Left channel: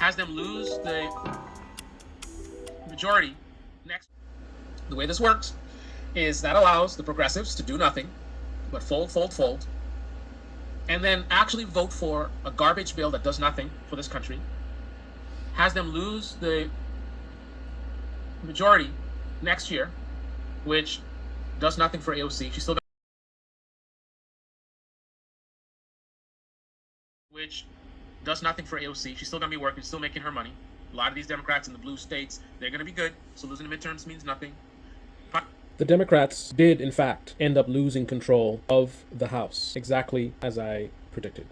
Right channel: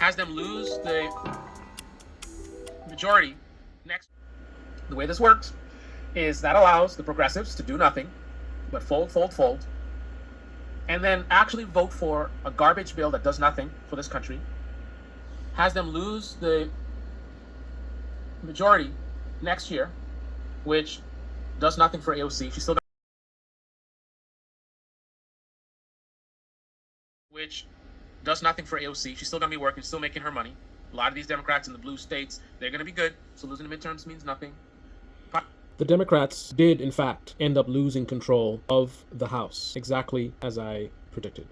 has them lose the majority next. The way this works is that allows the progressives to do nothing but fold, and then actually vote for a garbage bill that does nothing for this country, has them lose the majority next year, which does nothing for AOC. She's still which does nothing for AOC. She's still going to be working, still making her money. A lot of these Democrats in the blue states, they're going to be good. So losing the midterms means nothing. The Democrats did, in fact, end up losing control of the House, exactly as I predicted.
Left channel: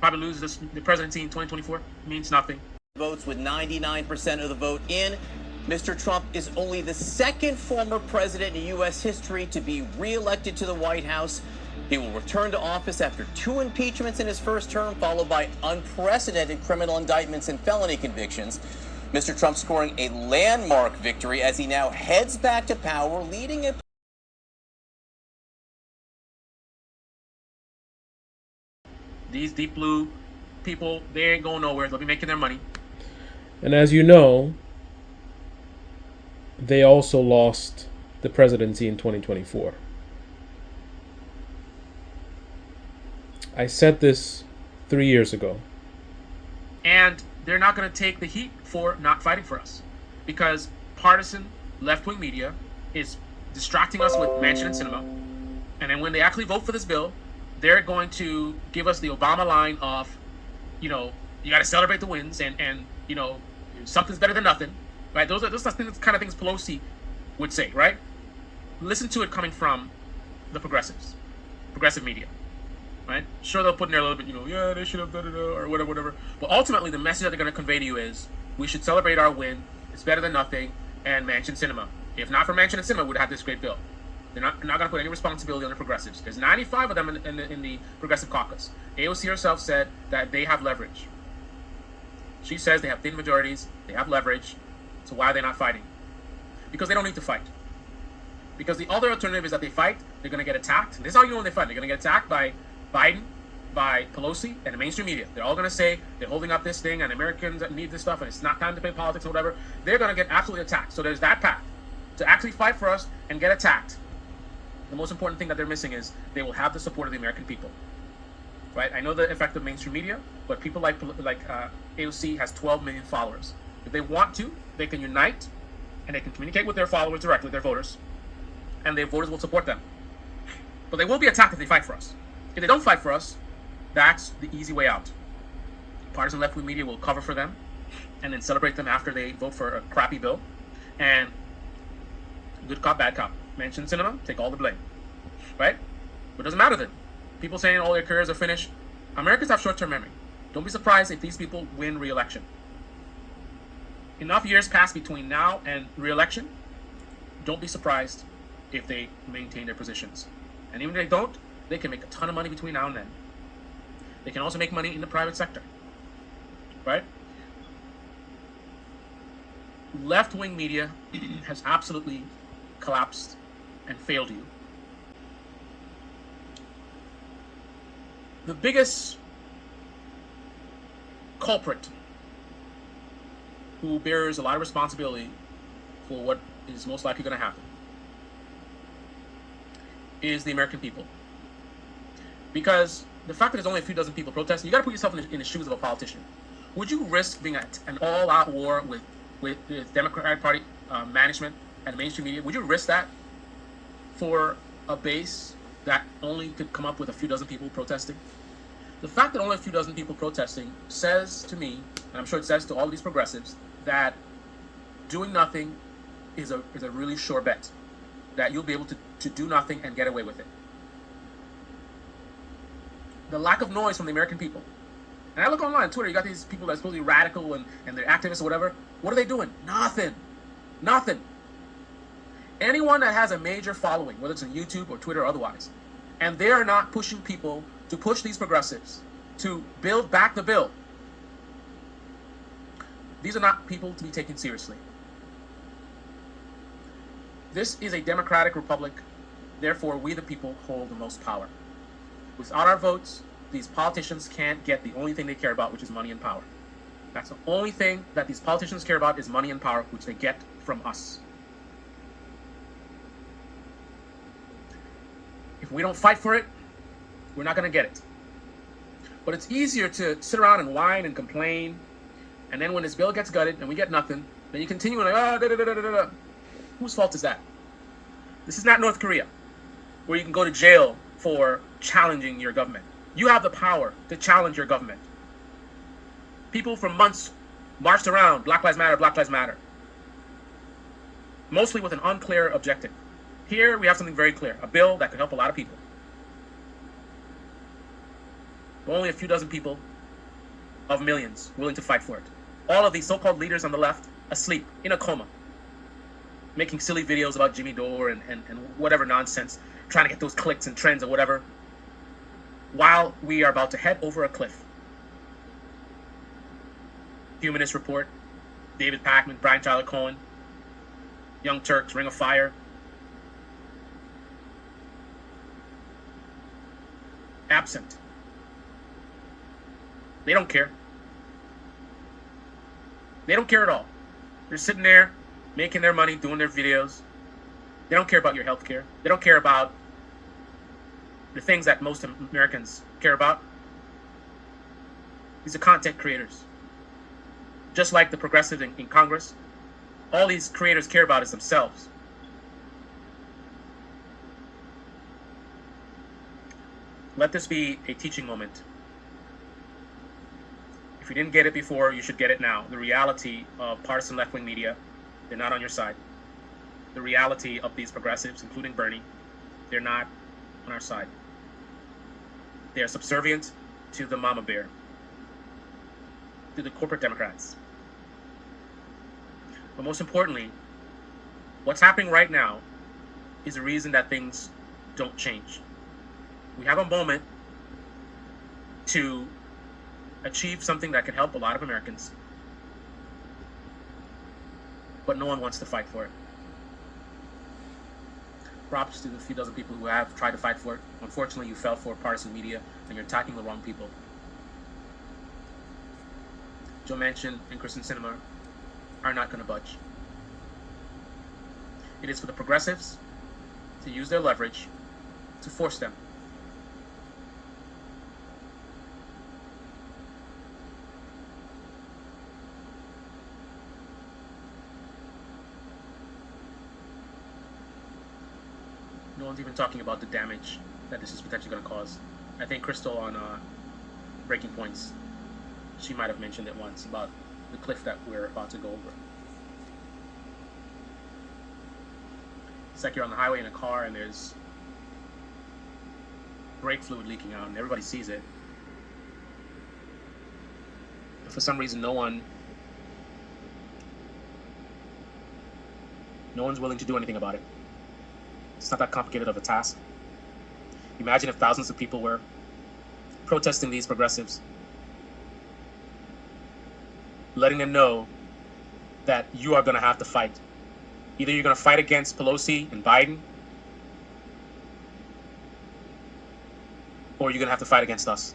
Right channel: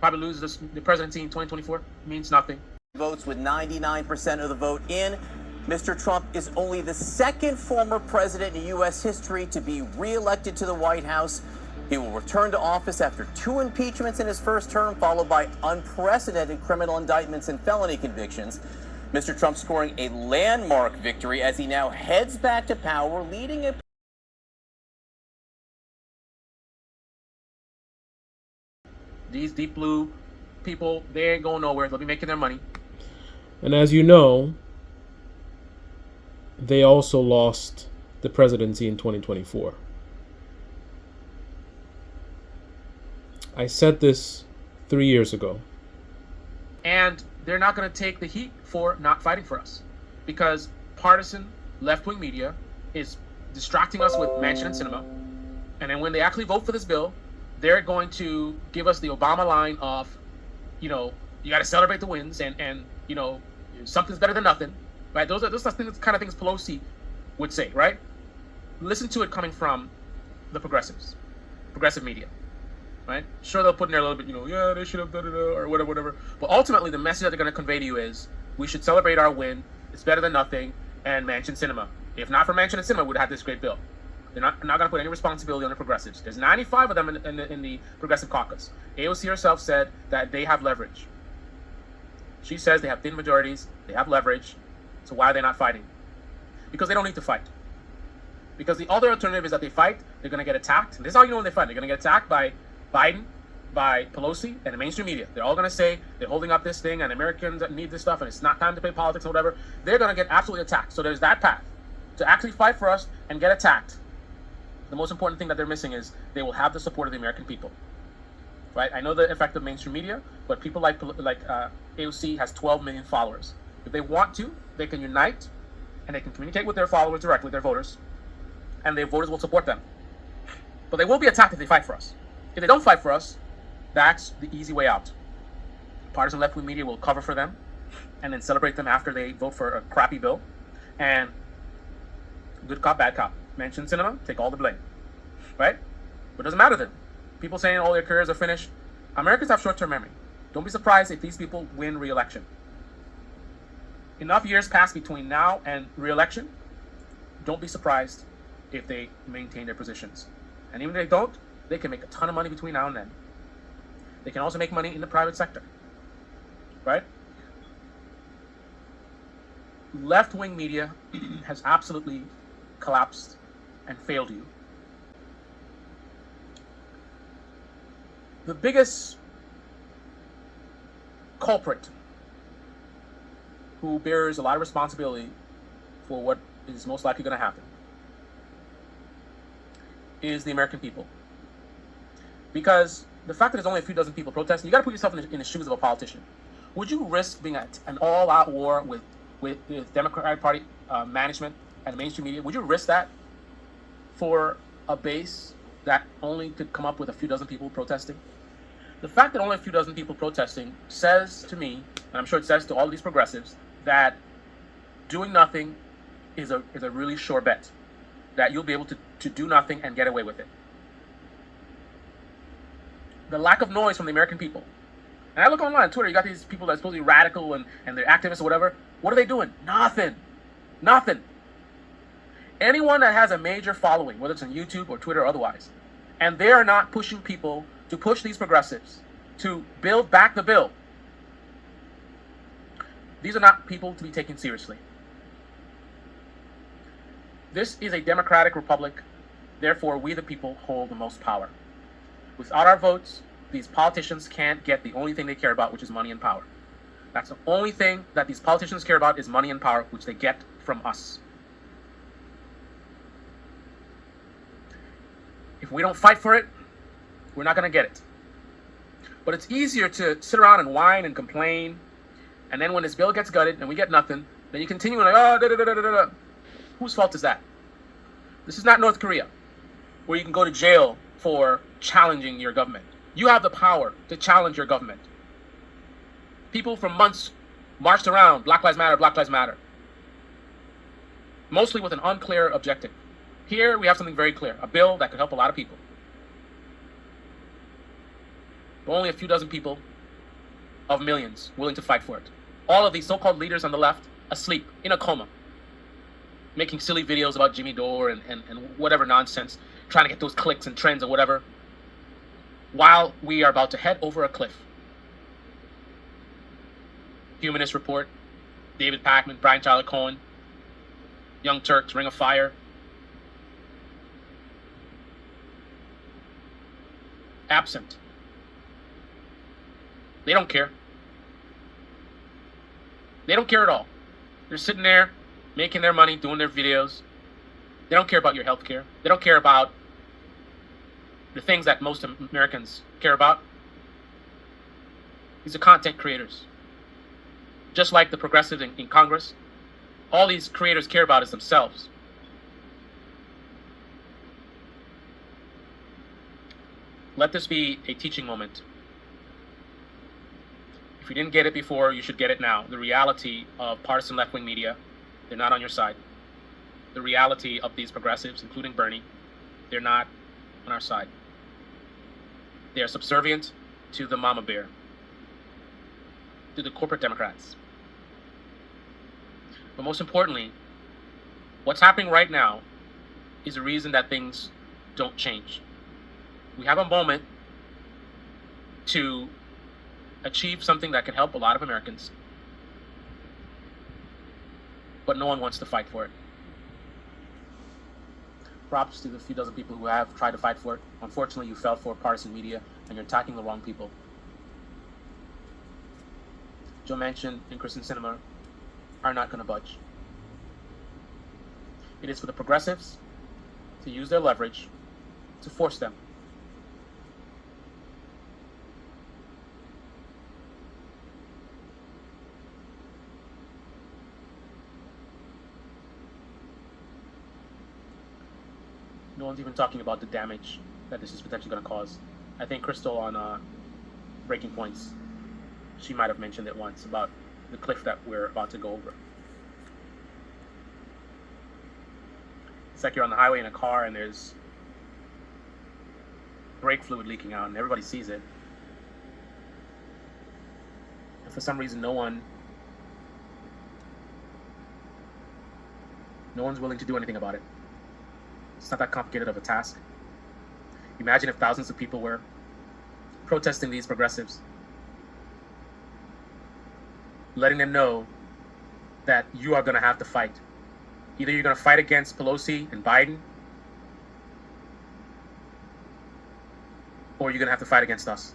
Probably lose the presidency in 2024 means nothing. Votes with 99% of the vote in. Mr. Trump is only the second former president in U.S. history to be reelected to the White House. He will return to office after 2 impeachments in his first term, followed by unprecedented criminal indictments and felony convictions. Mr. Trump scoring a landmark victory as he now heads back to power, leading a These deep blue people, they ain't going nowhere. They'll be making their money. And as you know, they also lost the presidency in 2024. I said this 3 years ago. And they're not going to take the heat for not fighting for us, because partisan left-wing media is distracting us with Mansion and Cinema. And then when they actually vote for this bill, they're going to give us the Obama line of, you got to celebrate the wins and something's better than nothing, right? Those are the kind of things Pelosi would say, right? Listen to it coming from the progressive media. Right? Sure, they'll put in there a little bit, they should have done it, or whatever. But ultimately, the message that they're going to convey to you is, we should celebrate our win. It's better than nothing. And Mansion Cinema. If not for Mansion and Cinema, we would have this great bill. They're not going to put any responsibility on the progressives. There's 95 of them in the progressive caucus. AOC herself said that they have leverage. She says they have thin majorities. They have leverage. So why are they not fighting? Because they don't need to fight. Because the other alternative is that they fight, they're going to get attacked. And this is how you know when they fight. They're going to get attacked by Biden, by Pelosi, and the mainstream media. They're all going to say they're holding up this thing and Americans need this stuff and it's not time to play politics or whatever. They're going to get absolutely attacked. So there's that path to actually fight for us and get attacked. The most important thing that they're missing is they will have the support of the American people. Right? I know the effect of mainstream media, but people like AOC has 12 million followers. If they want to, they can unite and they can communicate with their followers directly, their voters, and their voters will support them. But they will be attacked if they fight for us. If they don't fight for us, that's the easy way out. Partisan left-wing media will cover for them and then celebrate them after they vote for a crappy bill. And good cop, bad cop. Mansion Cinema, take all the blame. Right? But it doesn't matter then. People saying all their careers are finished. Americans have short-term memory. Don't be surprised if these people win re-election. Enough years pass between now and re-election. Don't be surprised if they maintain their positions. And even if they don't, they can make a ton of money between now and then. They can also make money in the private sector. Right? Left-wing media has absolutely collapsed and failed you. The biggest culprit who bears a lot of responsibility for what is most likely going to happen is the American people. Because the fact that there's only a few dozen people protesting, you got to put yourself in the shoes of a politician. Would you risk being at an all-out war with the Democratic Party management and the mainstream media? Would you risk that for a base that only could come up with a few dozen people protesting? The fact that only a few dozen people protesting says to me, and I'm sure it says to all of these progressives, that doing nothing is a really sure bet. That you'll be able to do nothing and get away with it. The lack of noise from the American people. And I look online on Twitter, you got these people that are supposed to be radical and they're activists or whatever. What are they doing? Nothing. Anyone that has a major following, whether it's on YouTube or Twitter or otherwise, and they are not pushing people to push these progressives to build back the bill, these are not people to be taken seriously. This is a democratic republic. Therefore, we the people hold the most power. Without our votes, these politicians can't get the only thing they care about, which is money and power. That's the only thing that these politicians care about is money and power, which they get from us. If we don't fight for it, we're not going to get it. But it's easier to sit around and whine and complain, and then when this bill gets gutted and we get nothing, then you continue like, oh, da da da da da da. Whose fault is that? This is not North Korea, where you can go to jail for challenging your government. You have the power to challenge your government. People for months marched around, Black Lives Matter, Black Lives Matter, mostly with an unclear objective. Here we have something very clear, a bill that could help a lot of people. Only a few dozen people of millions willing to fight for it. All of these so-called leaders on the left asleep, in a coma, making silly videos about Jimmy Dore and whatever nonsense, trying to get those clicks and trends or whatever, while we are about to head over a cliff. Humanist Report, David Pakman, Brian Tyler Cohen, Young Turks, Ring of Fire. Absent. They don't care. They don't care at all. They're sitting there, making their money, doing their videos. They don't care about your health care. They don't care about the things that most Americans care about. These are content creators. Just like the progressives in Congress, all these creators care about is themselves. Let this be a teaching moment. If you didn't get it before, you should get it now. The reality of partisan left-wing media, they're not on your side. The reality of these progressives, including Bernie, they're not on our side. They are subservient to the mama bear, to the corporate Democrats. But most importantly, what's happening right now is a reason that things don't change. We have a moment to achieve something that can help a lot of Americans, but no one wants to fight for it. Props to the few dozen people who have tried to fight for it. Unfortunately, you fell for partisan media and you're attacking the wrong people. Joe Manchin and Kyrsten Sinema are not going to budge. It is for the progressives to use their leverage to force them. No one's even talking about the damage that this is potentially going to cause. I think Crystal on Breaking Points, she might have mentioned it once about the cliff that we're about to go over. It's like you're on the highway in a car and there's brake fluid leaking out and everybody sees it. And for some reason, no one's willing to do anything about it. It's not that complicated of a task. Imagine if thousands of people were protesting these progressives, letting them know that you are going to have to fight. Either you're going to fight against Pelosi and Biden, or you're going to have to fight against us.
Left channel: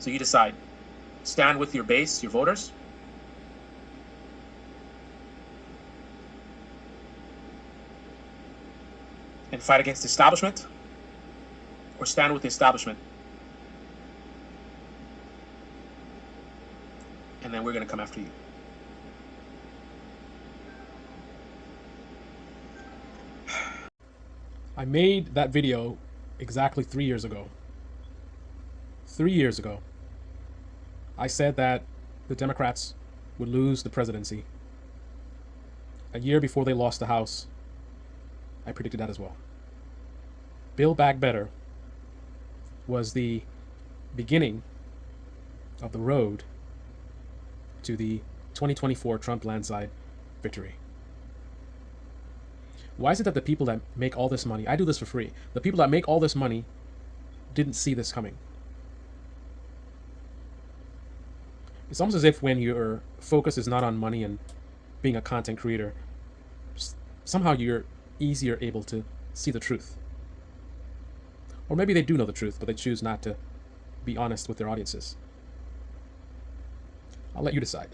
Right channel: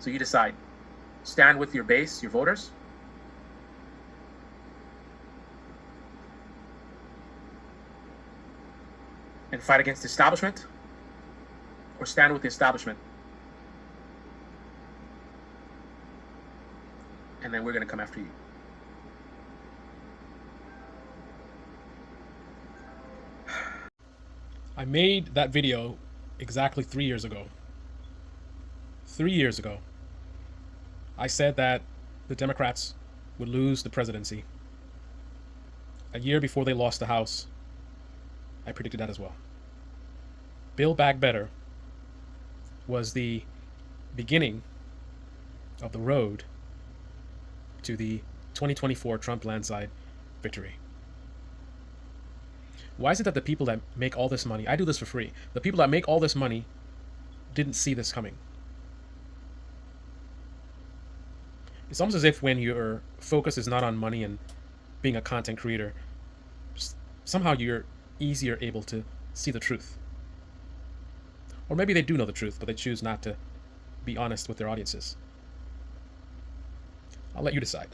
So you decide. Stand with your base, your voters, and fight against the establishment, or stand with the establishment, and then we're going to come after you. I made that video exactly 3 years ago. 3 years ago, I said that the Democrats would lose the presidency. A year before they lost the House, I predicted that as well. Build Back Better was the beginning of the road to the 2024 Trump landslide victory. Why is it that the people that make all this money, I do this for free, the people that make all this money didn't see this coming? It's almost as if when your focus is not on money and being a content creator, somehow you're easier able to see the truth. Or maybe they do know the truth, but they choose not to be honest with their audiences. I'll let you decide.